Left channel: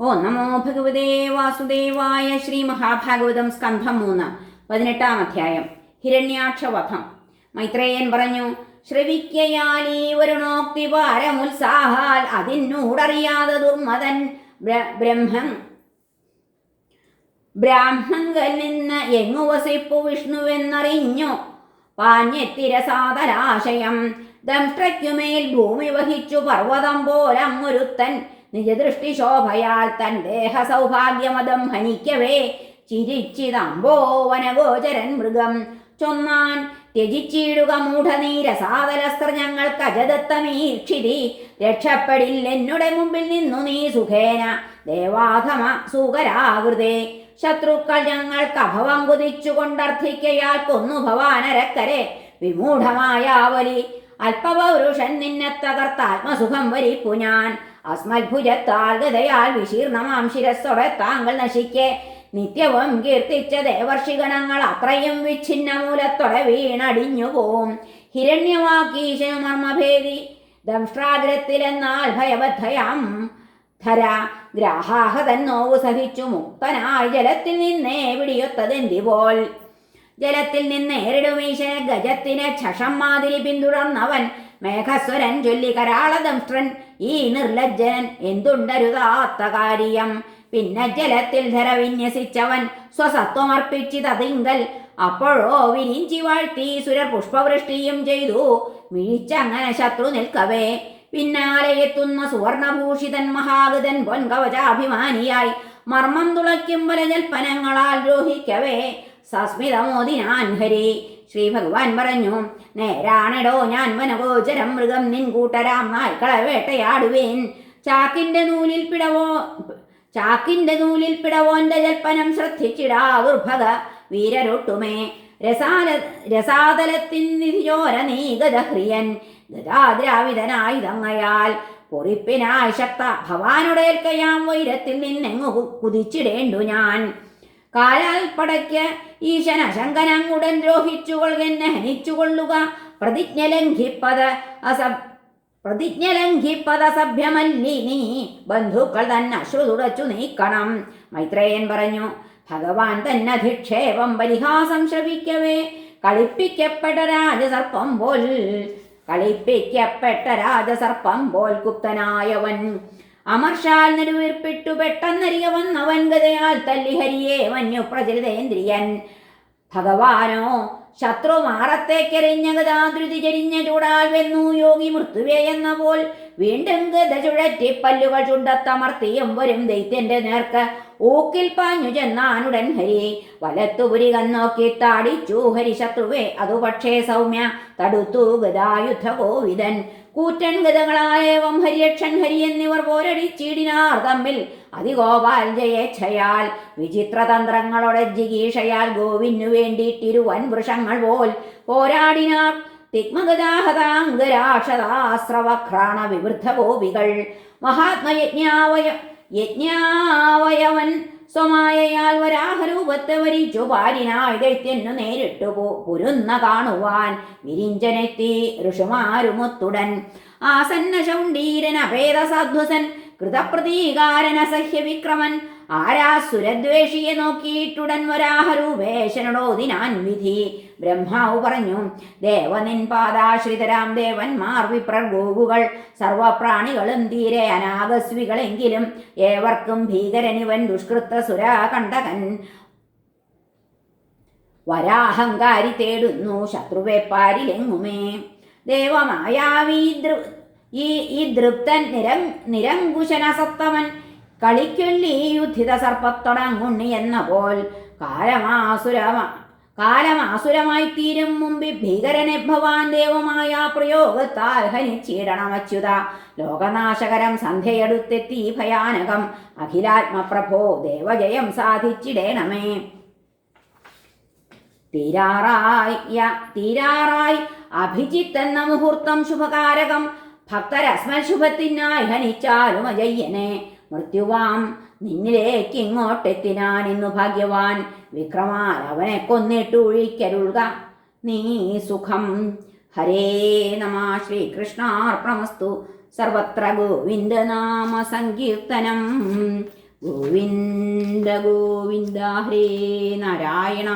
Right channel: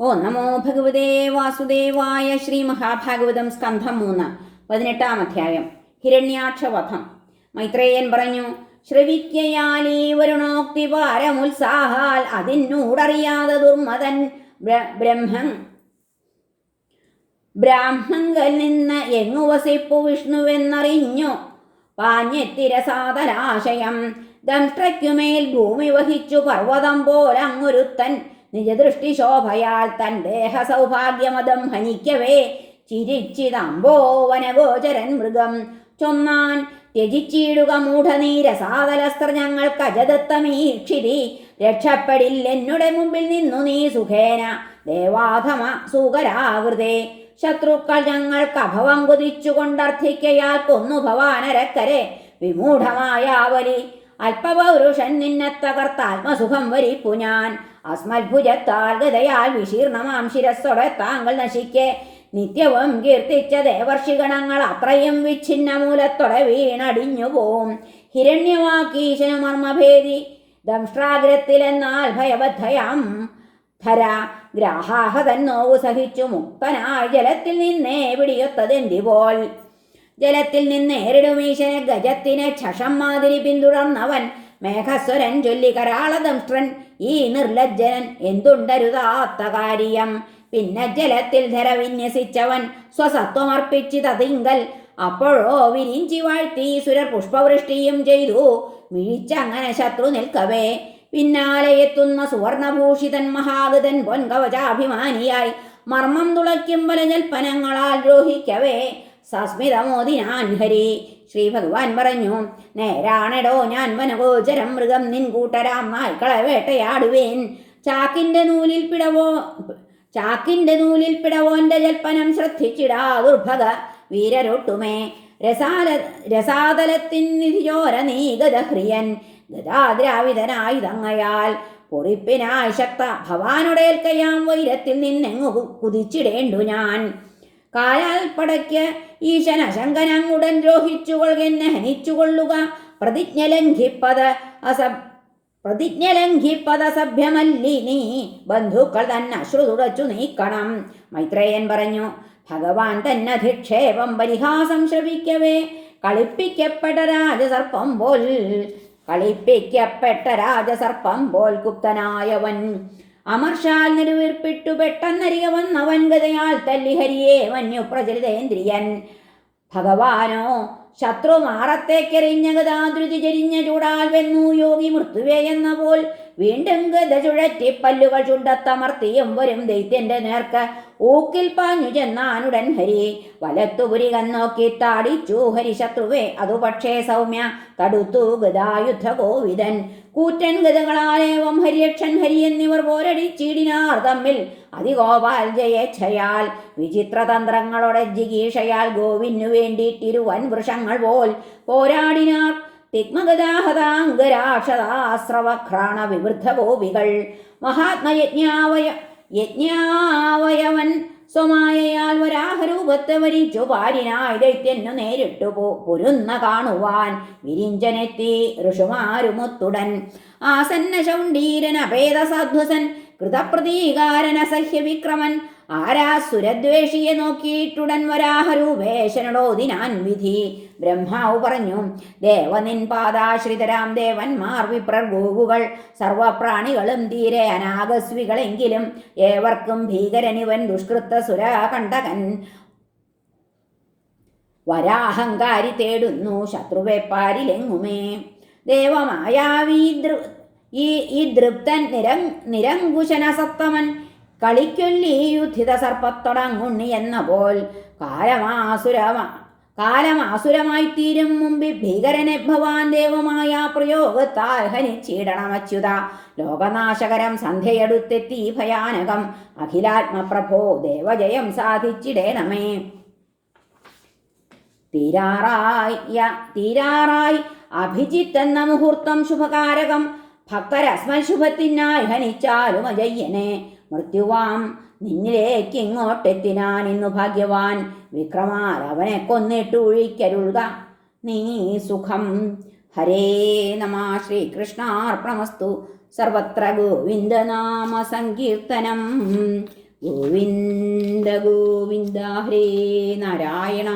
ഓ നമോ ഭഗവതേ വാസുദേവായ ശ്രീ മഹാഭാഗവതം സ്കന്ധം മൂന്ന് പതിനെട്ടാം അധ്യായം ഹിരണ്യാക്ഷവധം. മൈത്രേയൻ പറഞ്ഞു ശ്രവിക്കയാലീ വരുണോക്തി പാരമുത്സാഹാൽ അതിനൂടറിയാതെ ദുർമതൻ ബ്രഹ്മം ബ്രാഹ്മങ്കൽ നിന്ന് എങ്ങു വസിപ്പു വിഷ്ണുവെന്നറിഞ്ഞു? പാഞ്ഞെത്തിരസാതരാശയം ദംഷ്ട്രയ്ക്കുമേൽ ഭൂമി വഹിച്ചു പർവതം പോലങ്ങൊരുത്തൻ നിജദൃഷ്ടി ശോഭയാൽ തൻ ദേഹ സൗഭാഗ്യമതം ഹനിക്കവേ. ചിരിച്ചിതമ്പോ വനഗോചരൻ മൃഗം ചൊന്നാൻ ത്യജിച്ചിടുക മൂഢനീരസാദലസ്ത്ര ഞങ്ങൾക്ക് അജദത്തമീക്ഷിതി രക്ഷപ്പെടില്ലെന്നുടെ മുമ്പിൽ നിന്നു നീ സുഖേന. ദേവാധമ സൂകരാകൃതേ ശത്രുക്കൾ ഞങ്ങൾക്ക് അഭവം കുതിച്ചു കൊണ്ടർത്ഥിക്കയാൽ കൊന്നു ഭവാനരക്കരെ. വിമൂഢമായാവലി അല്പപൗരുഷൻ നിന്നെ തകർത്താത്മസുഖം വരിപ്പു ഞാൻ. അസ്മത്ഭുജത്താൽ ഗതയാൽ വിശീർണമാം ശിരസ്സോടെ താങ്കൾ നശിക്കെ. നിത്യവും കീർത്തിച്ച ദേവർഷിഗണങ്ങൾ അത്രയും വിച്ഛിന്ന മൂലത്തോടെ വീണടിഞ്ഞു പോവും. ഹിരണ്യമാക്കീശനുമർമ്മഭേദി ദംഷ്ട്രാഗ്രത്തിലെന്നാൽ ഭയബദ്ധയാം. ധര ഗ്രാഹാഹതൻ നോവു സഹിച്ചു മുക്തനായി ജലത്തിൽ നിന്നേ പിടിയൊത്തതെന്തിപോൽ ജലത്തിൽ നിന്ന് ഏറിടുമീശനെ ഗജത്തിനെ ഛഷം മാതിരി പിന്തുടർന്നവൻ മേഘസ്വരൻ ചൊല്ലി കരാളദംഷ്ട്രൻ ഈ നിർലജ്ജനൻ എന്തുണ്ടരുതാത്ത കാര്യം? പിന്നെ ജലത്തിൽ ധര വിന്യസിച്ചവൻ സ്വസത്വമർപ്പിച്ചിതതിങ്കൽ അപ്പോഴോ വിരിഞ്ചി വാഴ്ത്തി സുരർ പുഷ്പവൃഷ്ടിയും ചെയ്തു. മിഴിച്ചങ്ങനെ ശത്രു നിൽക്കവേ. പിന്നാലെ എത്തുന്ന സുവർണഭൂഷിതൻ മഹാഗതൻ പൊൻകവചാഭിമാനിയായി. മർമ്മം തുളയ്ക്കും ബലജൽപ്പനങ്ങളാൽ ദ്രോഹിക്കവേ. സസ്മിതമോദിനാൻ ഹരി ശ്രീ ഭഗവാൻ പറഞ്ഞു നേരാണെടോ ഞാൻ വനഗോചരം മൃഗം നിൻ കൂട്ടരാം. നായ്ക്കളെ വേട്ടയാടുവേൻ. ചാക്കിന്റെ നൂലിൽ പിടവോ ചാക്കിന്റെ നൂലിൽ പിടവോന്റെ ജൽപ്പനം ശ്രദ്ധിച്ചിടാ ദുർഭഗ വീരരൊട്ടുമേ. രസാല രസാതലത്തിൻ നിധിയോര നീ ഗതഹ്രിയൻ ഗതാദ്രാവിതനായി തങ്ങയാൽ പൊറിപ്പിനായി ശക്ത. ഭവാനുടേൽക്കയാം വൈരത്തിൽ നിന്നെങ്ങു കുതിച്ചിടേണ്ടു ഞാൻ. കാലാൽ പടയ്ക്ക് ഈശന ശങ്കനങ്ങുടൻ എന്നെ ഹനിച്ചുകൊള്ളുക. പ്രതിജ്ഞ ലംഘിപ്പത് അസ പ്രതിജ്ഞ ലംഘിപ്പത അസഭ്യമല്ലി നീ ബന്ധുക്കൾ തന്നെ അശ്രു തുടച്ചു നീക്കണം. മൈത്രേയൻ പറഞ്ഞു ഭഗവാൻ തന്നെ അധിക്ഷേപം പരിഹാസം ശ്രവിക്കവേ. കളിപ്പിക്കപ്പെട്ട രാജസർപ്പം പോൽ കളിപ്പിക്കപ്പെട്ട രാജസർപ്പം പോൽ കുപ്തനായവൻ അമർഷാൽ നിലവേർപ്പെട്ടു പെട്ടെന്നറിയ വന്ന വൻകഥയാൽ തല്ലി ഹരിയെ മഞ്ഞു ഭഗവാനോ ശത്രു മാറത്തേക്കെറിഞ്ഞ ഗതാതൃതി ചരിഞ്ഞ ചൂടാൽ വെന്നു യോഗി മൃത്യുവേ എന്ന പോൽ വീണ്ടും ഗത ചുഴറ്റി പല്ലുകൾ ചുണ്ടത്തമർത്തിയും വരും ദൈത്യന്റെ നേർക്ക്. ഊക്കിൽ പാഞ്ഞു ചെന്നാനുടൻ ഹരി വലത്തുപുരി കന്നോക്കി താടിച്ചു ഹരി ശത്രുവേ. അതു പക്ഷേ സൗമ്യ തടുത്തു ഗതായുധ കോവിതൻ കൂറ്റൻ ഗതകളായേവം ഹരിയക്ഷൻ ഹരി എന്നിവർ പോരടിച്ചിടിനാർ തമ്മിൽ. അതിഗോപാൽ ജയേച്ഛയാൽ വിചിത്രതന്ത്രങ്ങളോടെ ജിഗീഷയാൽ ഗോവിനു വേണ്ടിയിട്ടിരുവൻ വൃഷങ്ങൾ പോൽ പോരാടിനാർ. തിഗ്മഗതാഹതാംഗരാക്ഷതാശ്രവഘ്രാണ വിവൃദ്ധ ഗോപികൾ. മഹാത്മയജ്ഞാവയ യജ്ഞാവയവൻ സ്വമായയാൽ വരാഹരൂപത്തെ വരിച്ചു പാരിനായി ദൈത്യന്നു നേരിട്ടു പോ പൊരുന്ന കാണുവാൻ വിരിഞ്ചനെത്തി ഋഷുമാരുമൊത്തുടൻ. ആസന്ന ശൗണ്ടീരൻ അഭേദ സദ്വസൻ കൃതപ്രതീകാരൻ അസഹ്യ വിക്രമൻ ആരാസുരദ്വേഷിയെ നോക്കിയിട്ടുടൻ വരാഹരൂപേശനോദിനാൻ വിധി. ബ്രഹ്മാവ് പറഞ്ഞു ദേവനിൻ പാദാശ്രിതരാം ദേവന്മാർ വിപ്രർ സർവപ്രാണികളും തീരെ അനാഗസ്വികളെങ്കിലും ഏവർക്കും ഭീകരനിവൻ ദുഷ്കൃത്ത സുരാകണ്ഠകൻ. വരാഹങ്കാരി തേടുന്നു ശത്രുവെപ്പാരിലെങ്ങുമേ ദേവമായാവീ ഈ ഈ ദൃപ്തൻ നിരം നിരങ്കുശന സത്തമൻ കളിക്കൊല്ലി യുദ്ധിത സർപ്പത്തൊടങ്ങുണ്ണി എന്ന പോൽ കാലമാസുരമാ കാലമാസുരമായി തീരും മുമ്പിൽ ഭീകരനെ ഭവാൻ ദേവമായ പ്രയോഗത്താൽ ഹനിച്ചിടണമച്യുത ലോകനാശകരം സന്ധ്യയെടുത്തെത്തി ഭയാനകം അഖിലാത്മപ്രഭോ ദേവജയം സാധിച്ചിടേണമേ. തീരാറായി തീരാറായി അഭിജിത്ത് എന്ന മുഹൂർത്തം ശുഭകാരകം ഭക്തരസ്മൽ ശുഭത്തിനായി ഹനിച്ചാലും അജയ്യനെ മൃത്യുവാം. നിന്നിലേക്ക് ഇങ്ങോട്ടെത്തിനാൻ ഇന്നു ഭാഗ്യവാൻ. വിക്രമാൻ അവനെ കൊന്നിട്ട് ഒഴിക്കരുൾക നീ സുഖം. ഹരേ നമ. ശ്രീകൃഷ്ണാർപ്പണമസ്തു. സർവത്ര ഗോവിന്ദനാമ സങ്കീർത്തനം. ഗോവിന്ദ ഗോവിന്ദ ഹരേ നാരായണ.